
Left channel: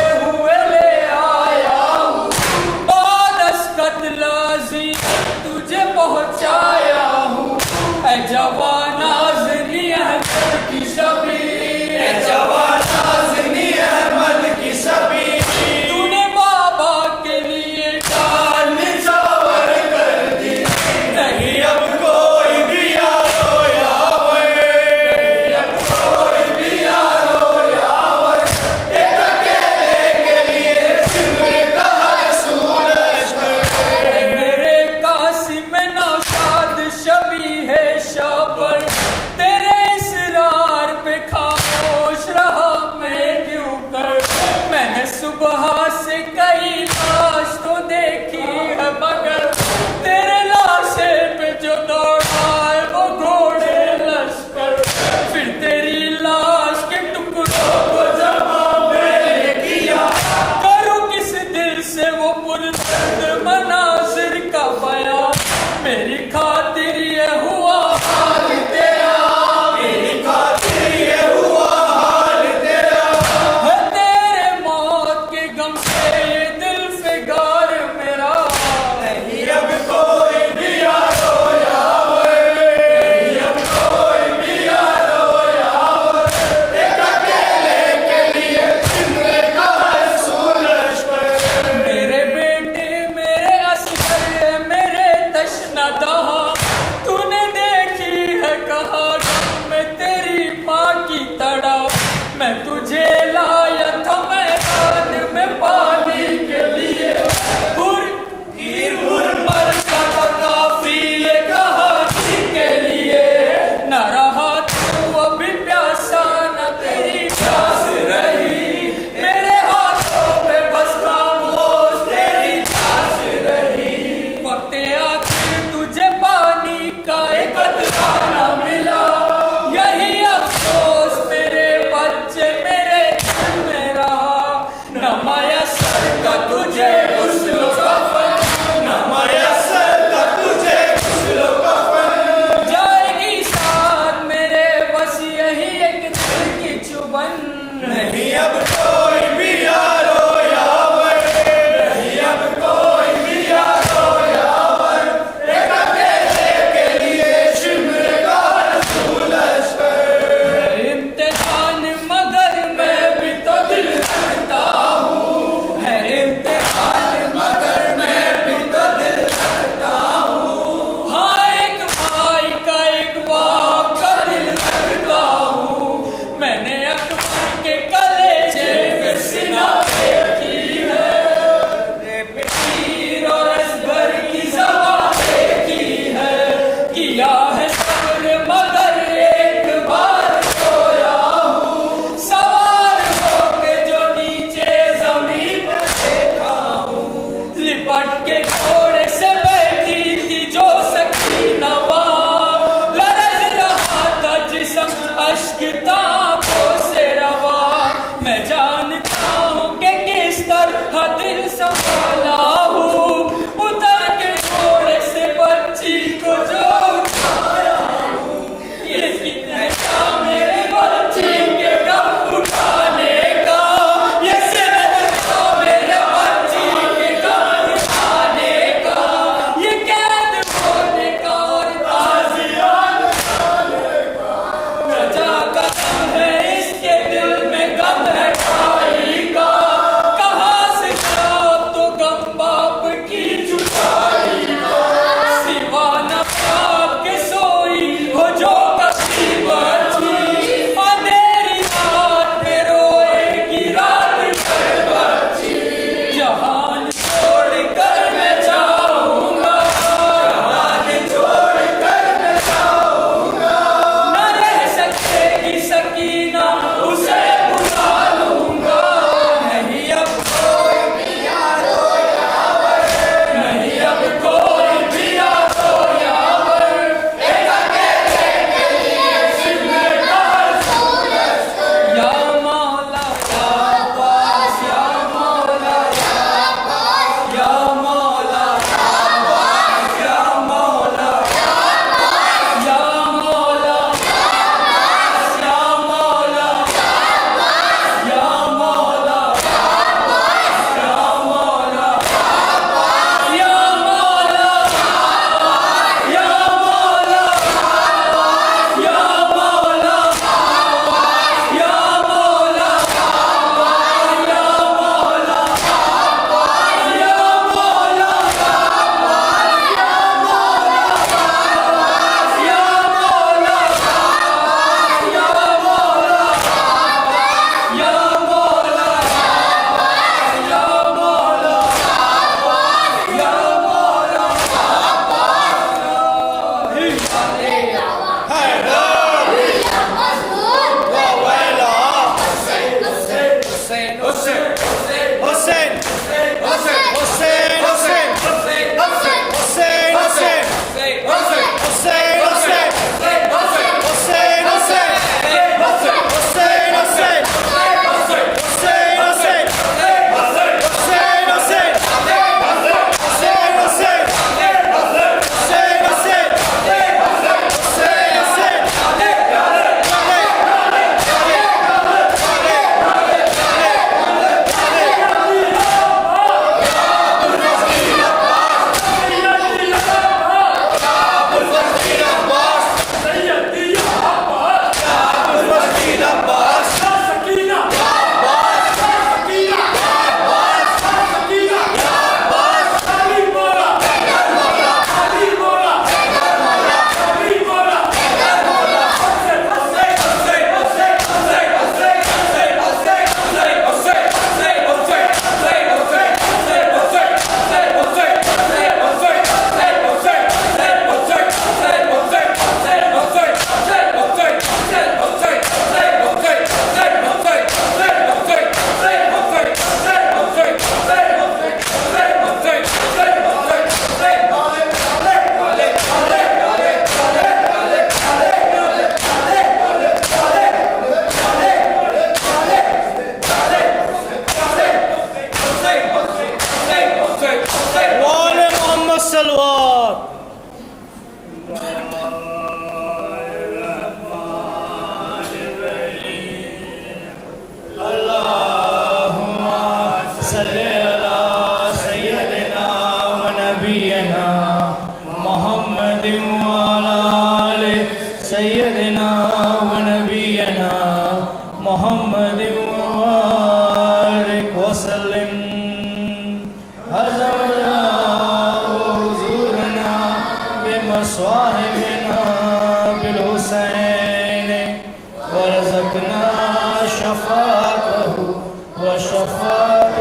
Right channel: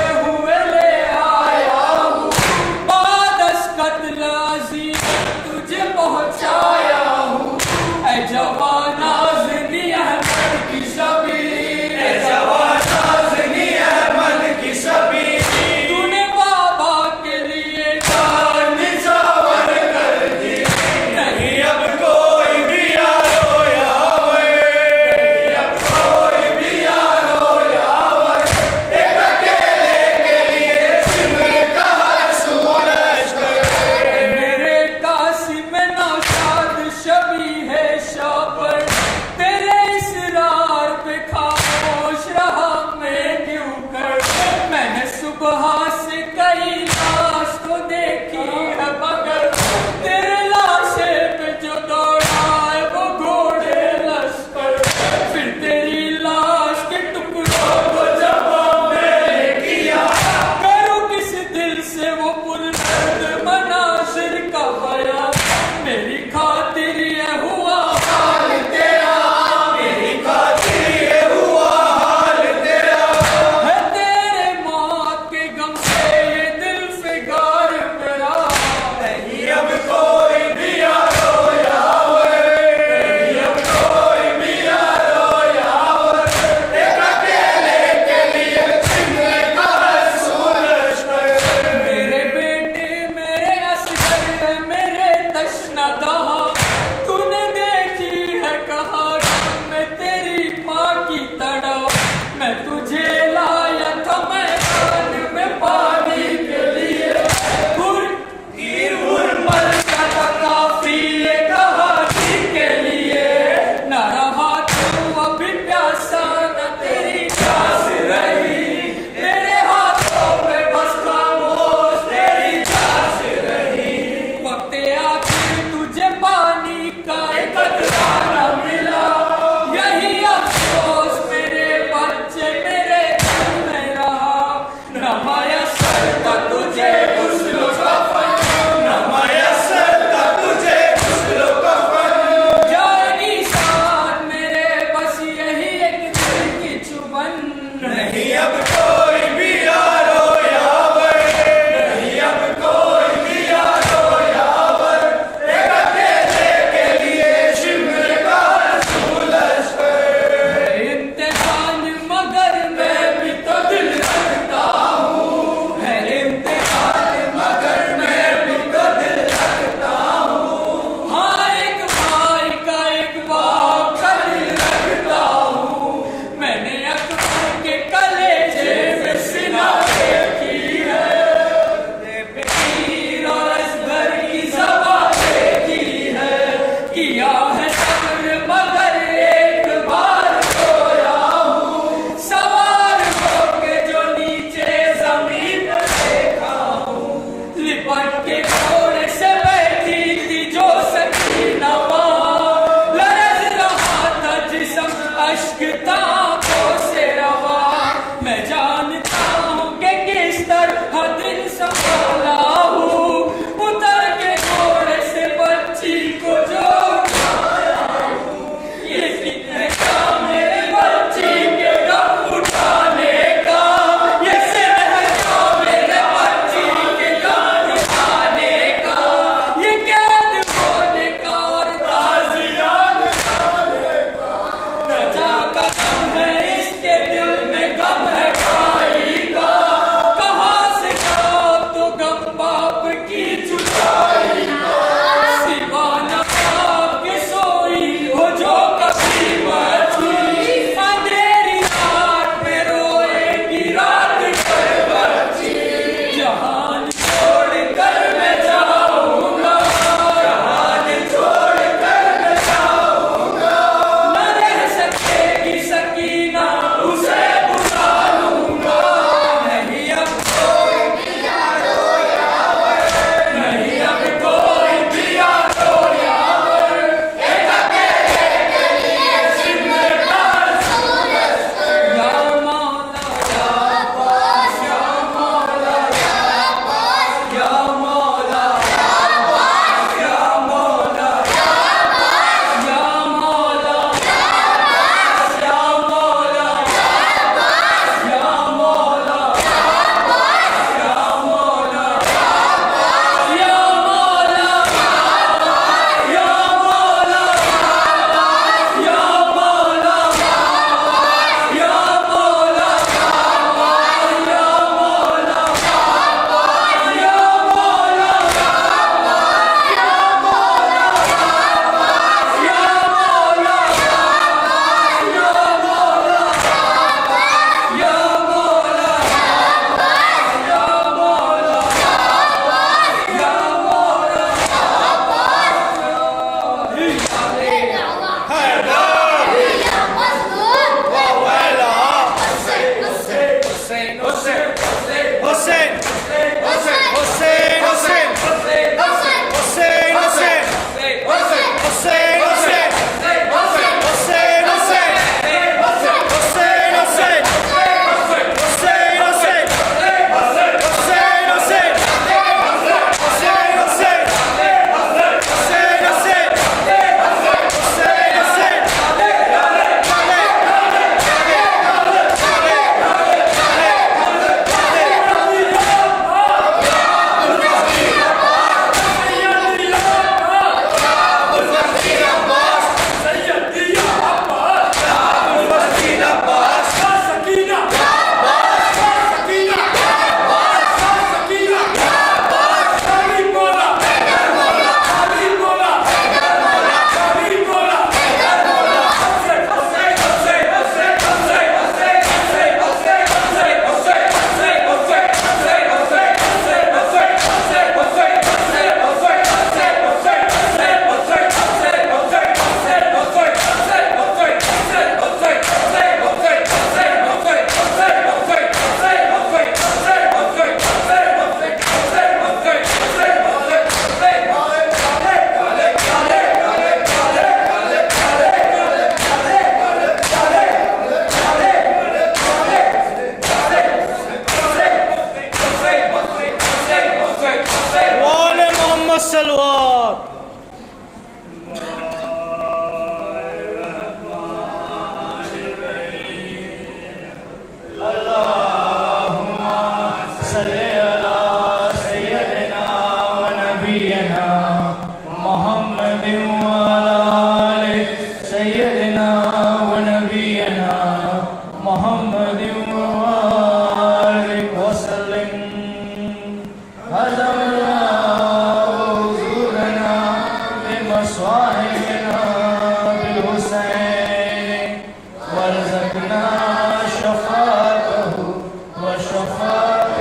सलवात। शफाअत